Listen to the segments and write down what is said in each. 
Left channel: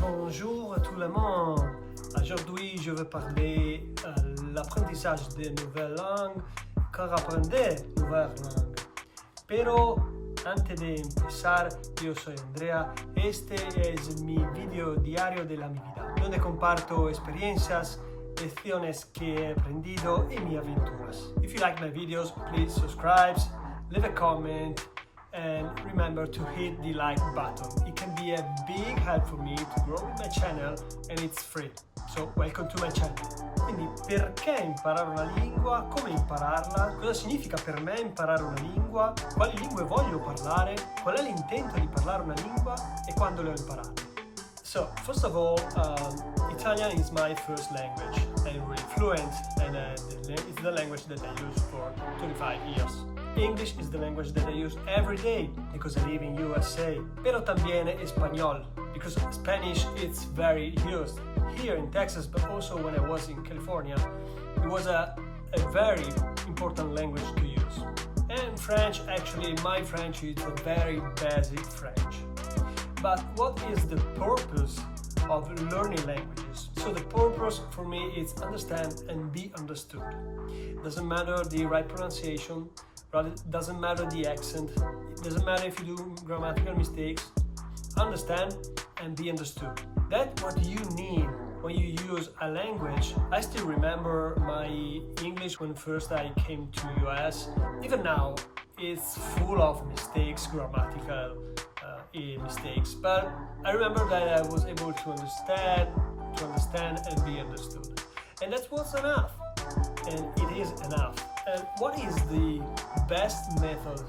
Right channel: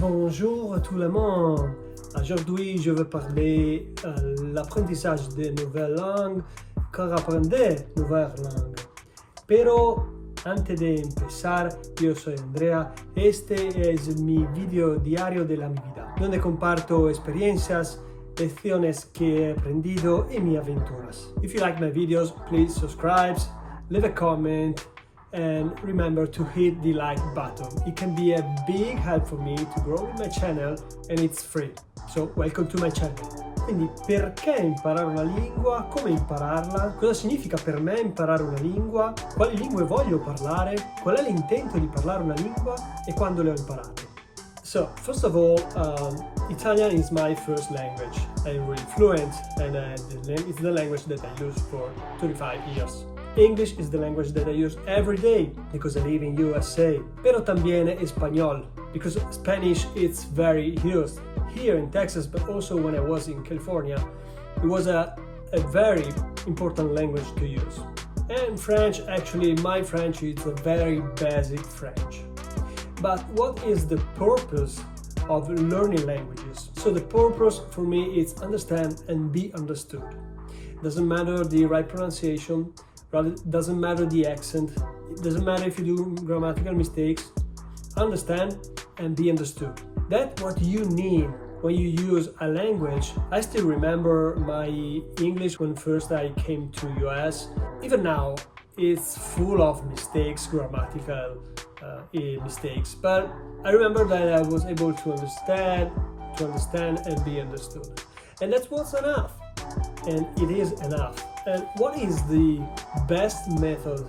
Bonjour tout le monde. Aujourd'hui, je vais parler l'apprentissage de nouvelles langues, car aprender nuevas langues. Pero antes de empezar, yo soy Andrea. Este es mi video diario de la mi vida, donde comparto experiencias, lecciones que he aprendido y mis aventuras. If you like my videos, please subscribe, leave a comment, and remember to hit the like button. It can be a big help for me to grow with my channel, and it's free. So, welcome to my channel. Quindi, perché imparare una lingua? Come impararla? Cosa significa per me imparare una lingua? Quali lingue voglio parlare? Qual è l'intento di parlare una lingua? E quando le ho imparate? So, first of all, Italian is my first language. I'm really fluent, and it's the language that I use for 25 years. English is the language that I use every day because I live in USA. Pero también español, because Spanish is very used here in Texas, but also when I was in California. It was a very important language to use. And French, actually, my French is a very basic French. But what is the purpose of learning languages? So the purpose for me is understand and be understood. Doesn't matter the right pronunciation, doesn't matter the accent, it doesn't matter if you do grammatical mistakes. Understand and be understood. That's what you need when you use a language. I still remember my English when first I came to US. Even now, it's full of mistakes, grammatical mistakes, but I remember that I was able to understand and be understood. And that was enough. And it is enough. And what is the best method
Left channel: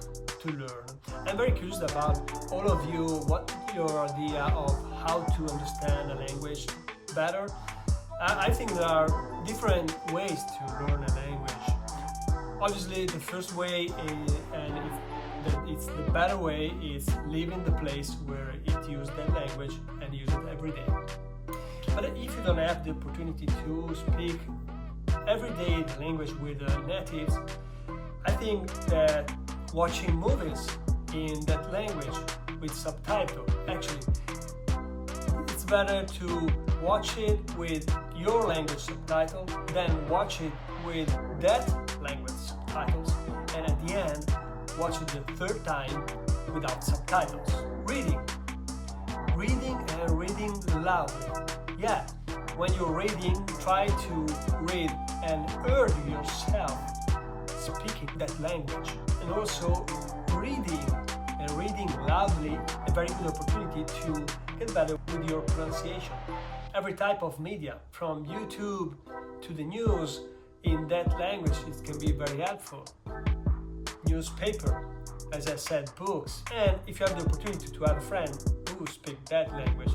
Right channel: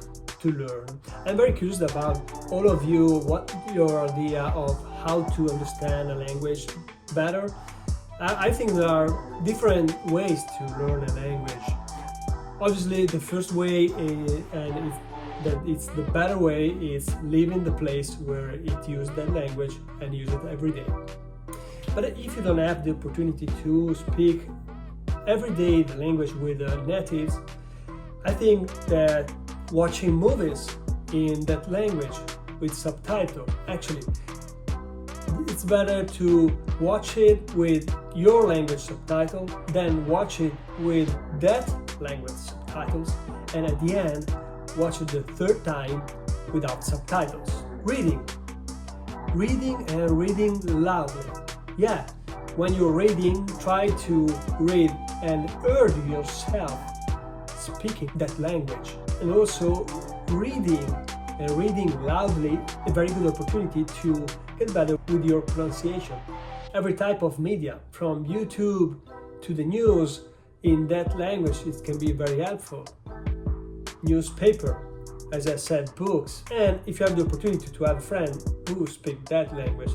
to learn? I'm very curious about all of you, what your idea of how to understand a language better. I think there are different ways to learn a language. Obviously, the first way it's the better way is live in the place where it uses that language and use it every day. But if you don't have the opportunity to speak every day the language with natives, I think that watching movies in that language with subtitle, actually, it's better to watch it with your language subtitle than watch it with that language subtitles, and at the end, watch it the third time without subtitles. Reading and reading loudly. Yeah, when you're reading, try to read and hear yourself speaking that language. And also reading loudly, a very good opportunity to get better with your pronunciation. Every type of media, from YouTube to the news, in that language, it can be very helpful. Newspaper, as I said, books. And if you have the opportunity to have a friend who speaks that language,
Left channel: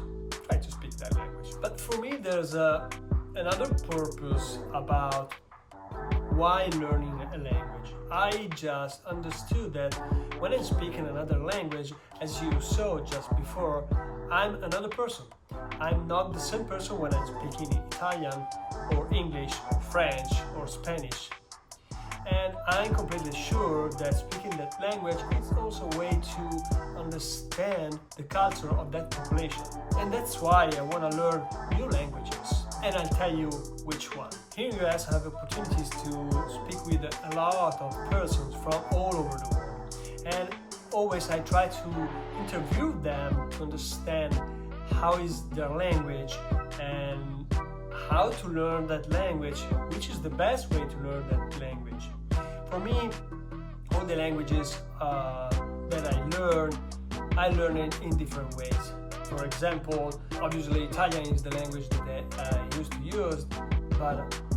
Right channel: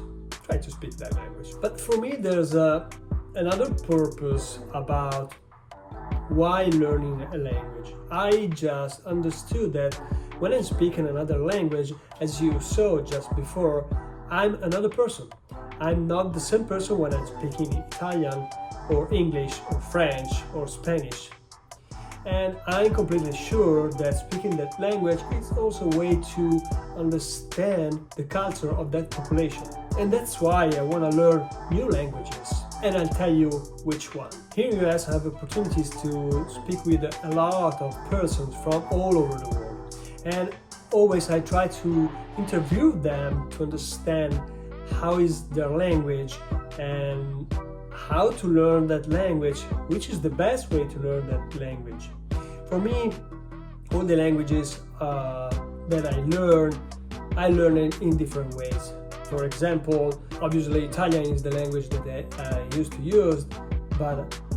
try to speak that language. But for me, there's another purpose about why learning a language. I just understood that when I'm speaking another language, as you saw just before, I'm another person. I'm not the same person when I'm speaking Italian or English or French or Spanish. And I'm completely sure that speaking that language is also a way to understand the culture of that population. And that's why I want to learn new languages. And I'll tell you which one. Here in the US, I have opportunities to speak with a lot of persons from all over the world. And always I try to interview them to understand how is their language and how to learn that language, which is the best way to learn that language. For me, all the languages that I learn it in different ways. For example, obviously Italian is the language that I used to use,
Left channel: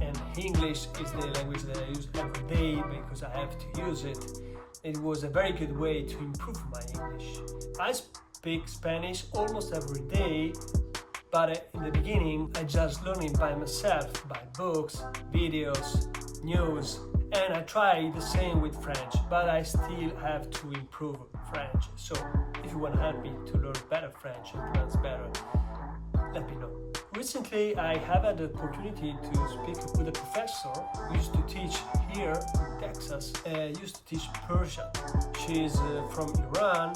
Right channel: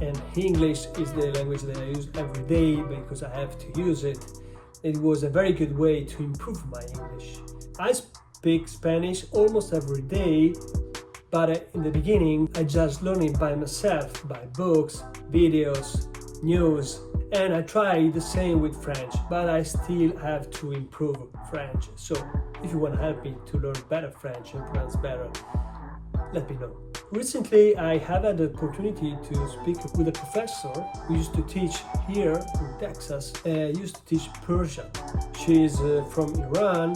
and English is the language that I use every day because I have to use it. It was a very good way to improve my English. I speak Spanish almost every day, but in the beginning I just learned it by myself, by books, videos, news, and I try the same with French, but I still have to improve French. So if you want to help me to learn better French and pronounce better, let me know. Recently, I have had the opportunity to speak with a professor who used to teach here in Texas, used to teach Persian. She's from Iran,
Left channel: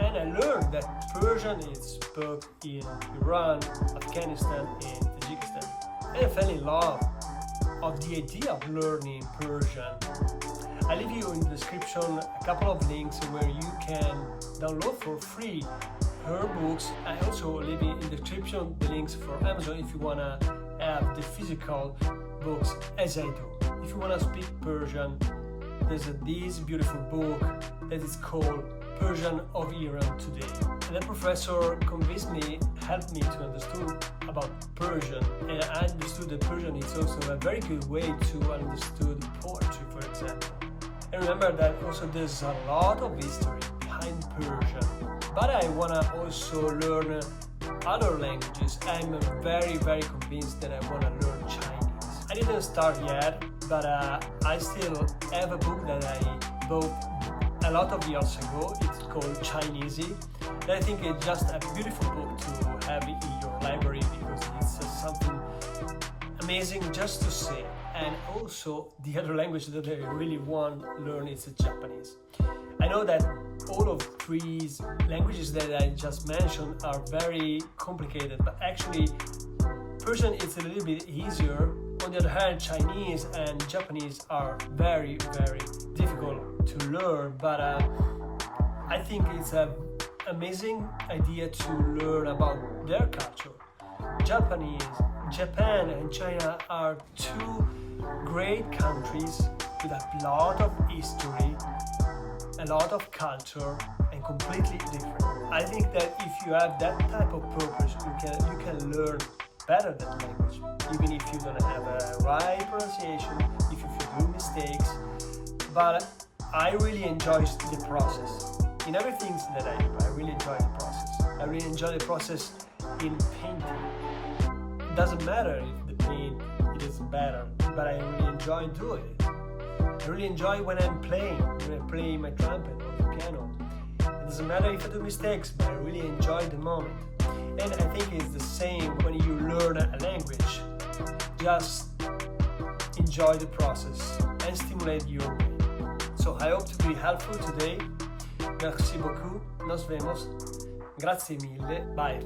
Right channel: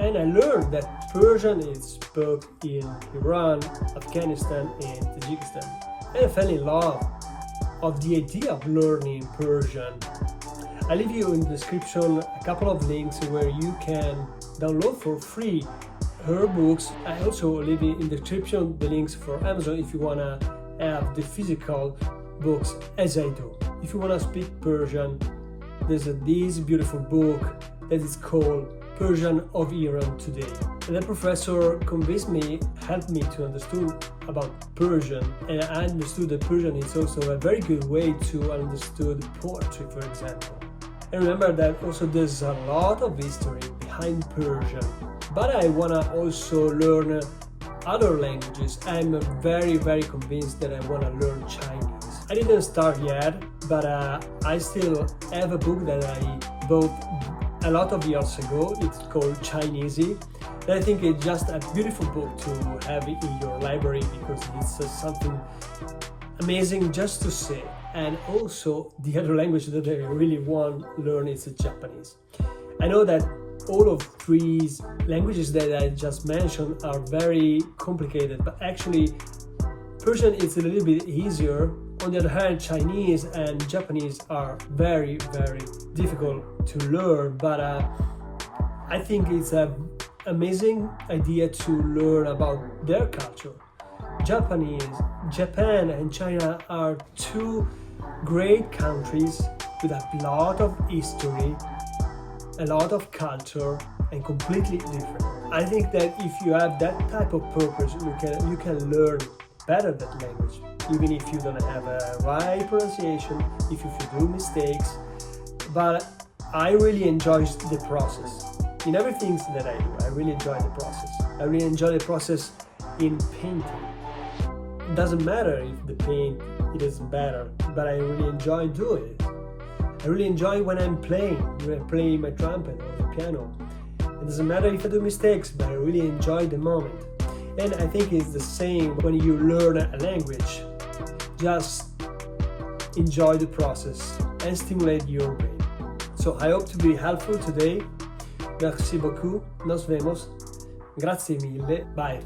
And I learned that Persian is spoken in Iran, Afghanistan, and Tajikistan. And I fell in love of the idea of learning Persian. I leave you in the description a couple of links where you can download for free her books. I also leave in the description the links for Amazon if you wanna have the physical books as I do. If you wanna speak Persian, there's this beautiful book that is called Persian of Iran Today. And the professor convinced me, helped me to understand about Persian, and I understood that Persian is also a very good way to understand poetry, for example. And remember that also there's a lot of history behind Persian. But I wanna also learn other languages. I'm very convinced that I wanna learn Chinese. I didn't start yet, but I still have a book that I bought a lot of years ago. It's called Chinesey. And I think it's just a beautiful book to have in your library because it's something amazing just to say. And also the other language that I really want to learn is Japanese. I know that all of these languages that I just mentioned are very complicated, but actually Persian is a little bit easier. On the other hand, Chinese and Japanese are very difficult to learn, but I think it's an amazing idea to learn about their culture. Japan and China are two great countries with a lot of history, a lot of culture, and completely different. I think that if you have that type of purpose, you can learn better that language, even if you don't have a right pronunciation, if you do mistakes. But I really enjoy the process. In everything that I do, I really enjoy the process. I really enjoy the process in painting. It doesn't matter if the paint it is better, but I really enjoy doing it. I really enjoy when I'm playing, when I play my trumpet or the piano. It doesn't matter if I do mistakes, but I really enjoy the moment. And I think it's the same when you learn a language. Just enjoy the process and stimulate your brain. So I hope to be helpful today. Merci beaucoup. Nos vemos. Grazie mille. Bye.